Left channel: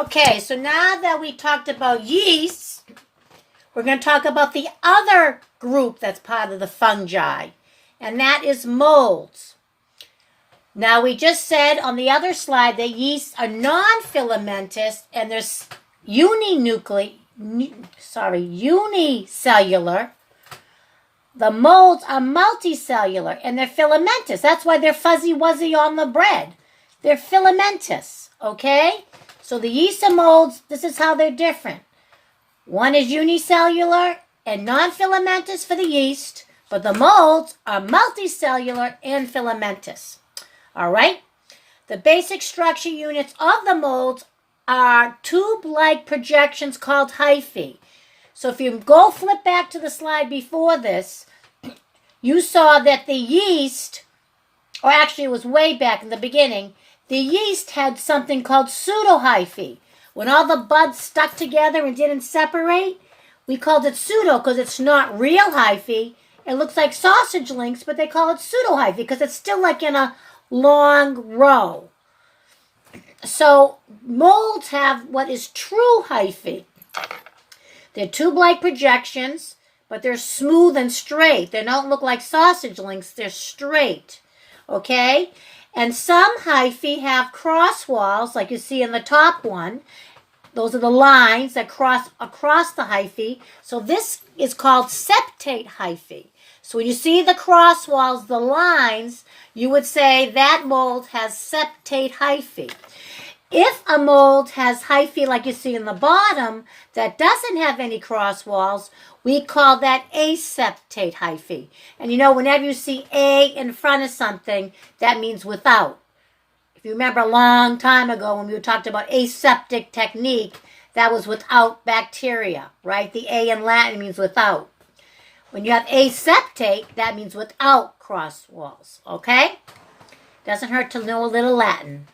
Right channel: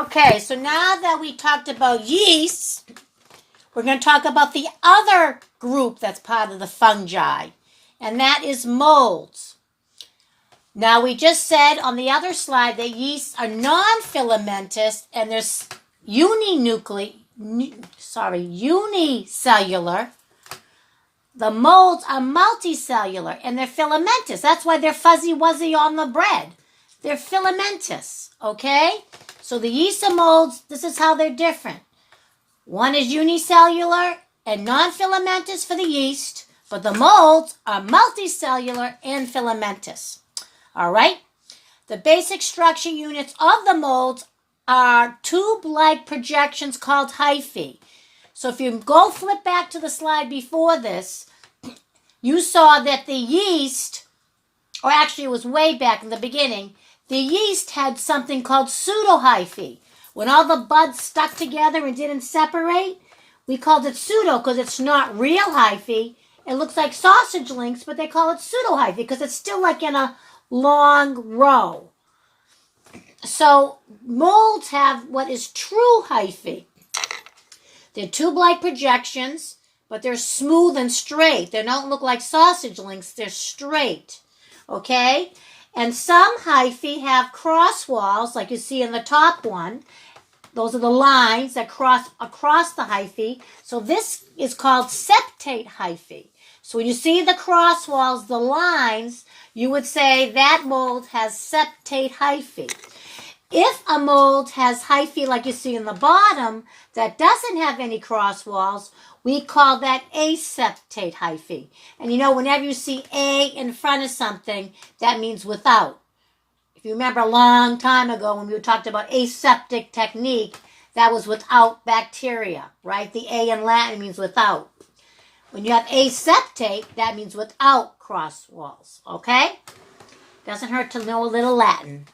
Okay, so now that we talked about yeasts, we're going to talk about the other group that's part of the fungi, and that is molds. Now, we just said on the other slide that yeasts are non-filamentous and there's unicellular. The molds are multicellular and they're filamentous. That's why they're fuzzy-wuzzy on the bread. They're filamentous, okay? So the yeast and molds, this is how they're different. One is unicellular and non-filamentous for the yeast, but the molds are multicellular and filamentous. All right? The basic structure units of the molds are tube-like projections called hyphae. So if you go flip back to the slide before this, you saw that the yeast, or actually it was way back in the beginning, the yeast had something called pseudohyphae. When all the buds stuck together and didn't separate, we called it pseudo because it's not real hyphae. It looks like sausage links, but they call it pseudohyphae because it's still like in a long row. So molds have what is true hyphae. They're tube-like projections, but they're smooth and straight. They don't look like sausage links. They're straight, okay? And some hyphae have cross walls, like you see in the top one. Those are the lines that cross across the hyphae. So this is called septate hyphae. So when you see the cross walls, the lines, you would say that mold has septate hyphae. If a mold has hyphae like you see in the bottom that doesn't have any cross walls, we call that aseptate hyphae. And you know, whenever you see A in front of something, that means without. If you remember a long time ago when we talked about aseptic technique, that was without bacteria, right? The A in Latin means without. When you have aseptate, that means without cross walls, okay? Doesn't hurt to know a little Latin.